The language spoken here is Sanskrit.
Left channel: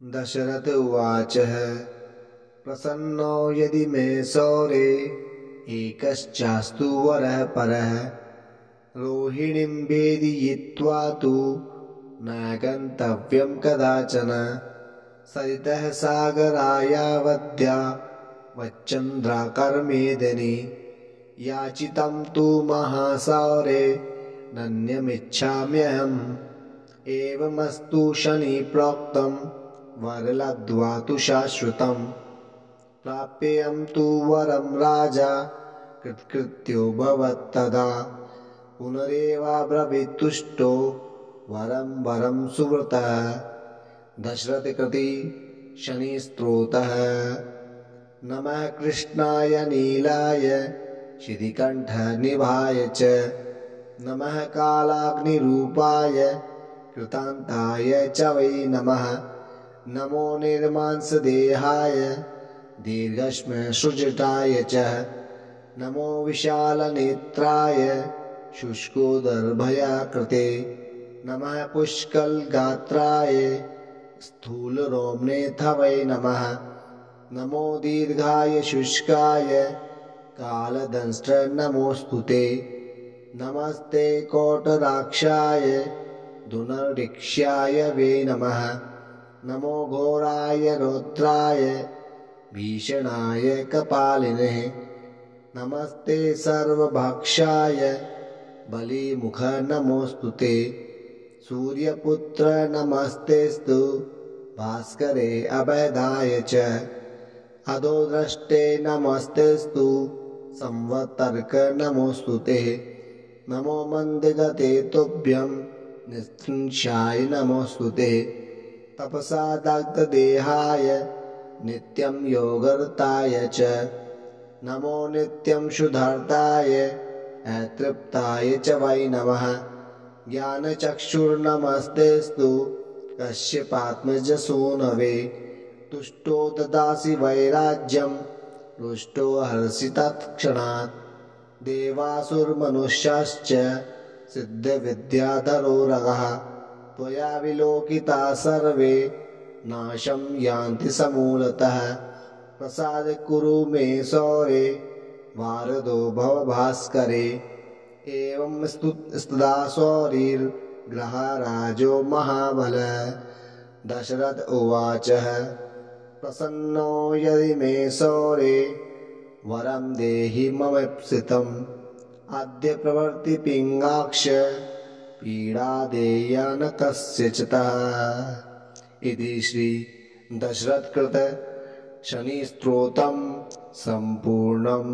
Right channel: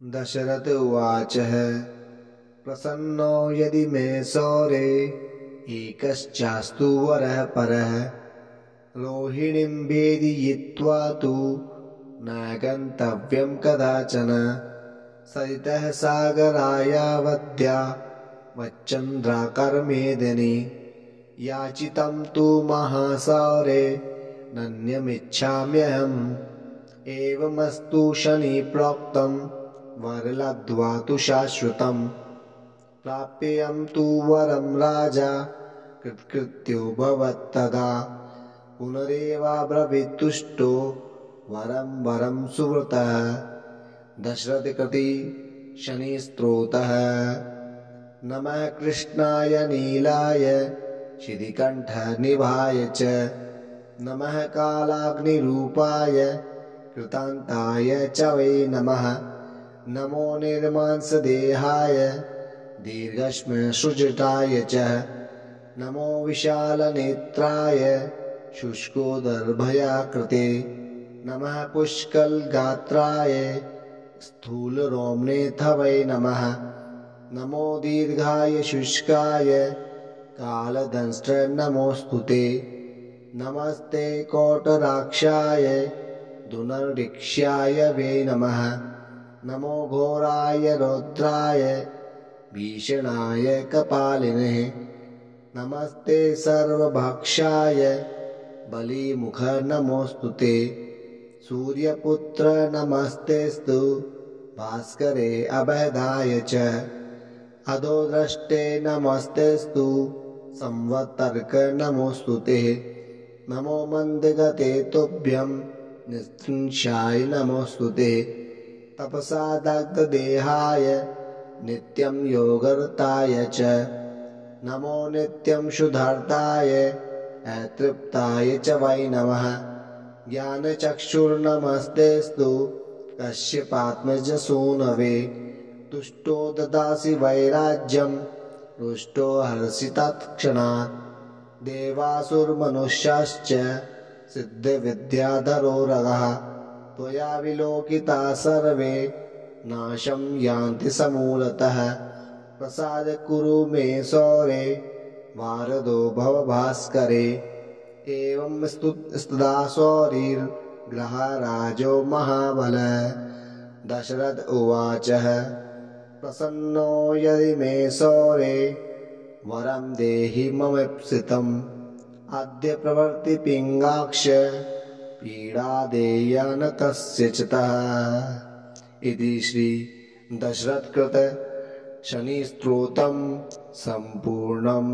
दशरथ उवाच प्रसन्नो यदि मे सौरे एकश्चास्तु वरः परः रोहिणीं भेदयित्वा तु न गन्तव्यं कदाचन सरितः सागरायावद्या वच्चन्द्राकर्मेदिनि याचितं तु महासौरे नन्यमिच्छाम्यहम् एवमस्तु शनि प्रोक्तं वरलब्ध्वा तु शाश्वतम् प्राप्येयं तु वरं राजा कृतकृत्यो भवत्तदा पुनरेवाब्रवीत्तुष्टो वरं वरं सुव्रतः दशरथकृति शनिस्तोत्रः नमः कृष्णाय नीलाय शितिकण्ठनिभाय च नमः कालाग्निरूपाय कृतान्ताय च वै नमः नमो निर्मांसदेहाय दीर्घश्मश्रुजटाय च नमो विशालनेत्राय शुष्कोदरभयाकृते नमः पुष्कलगात्राय स्थूलरोम्नेऽथ वै नमः नमो दीर्घाय शुष्काय कालदंष्ट्र नमोऽस्तु ते नमस्ते कोटराक्षाय दुर्निरीक्ष्याय वे नमः नमो घोराय रौद्राय भीषणाय कपालिने नमस्ते सर्वभक्षाय बलिमुख नमोऽस्तु ते सूर्यपुत्र नमस्तेस्तु भास्करे अभयदाय च अधोद्रष्टे नमस्तेस्तु संवत्तर्क नमोऽस्तु ते नमो मन्दगते तुभ्यं निस्त्रिंशाय नमोऽस्तु ते तपसा दग्धदेहाय नित्यं योगरताय च नमो नित्यं शुद्धर्ताय अतृप्ताय च वै नमः ज्ञानचक्षुर्नमस्तेस्तु कश्यपात्मजसूनवे तुष्टो ददासि वैराज्यं रुष्टो हर्षि तत्क्षणात् देवासुरमनुष्याश्च सिद्धविद्याधरो रगः त्वया विलोकिता सर्वे नाशं यान्ति समूलतः प्रसाद कुरु मे सौरे वारदो भव भास्करे एवं स्तुदा सौरिर्ग्रहराजो महाबल दशरथ उवाच प्रसन्नो यदि मे सौरे वरं देहि ममीप्सितम् अद्य प्रभृति पिङ्गाक्ष पीडा देया न कस्यचितः इति श्री दशरथकृत शनिस्तोत्रम् सम्पूर्णम्।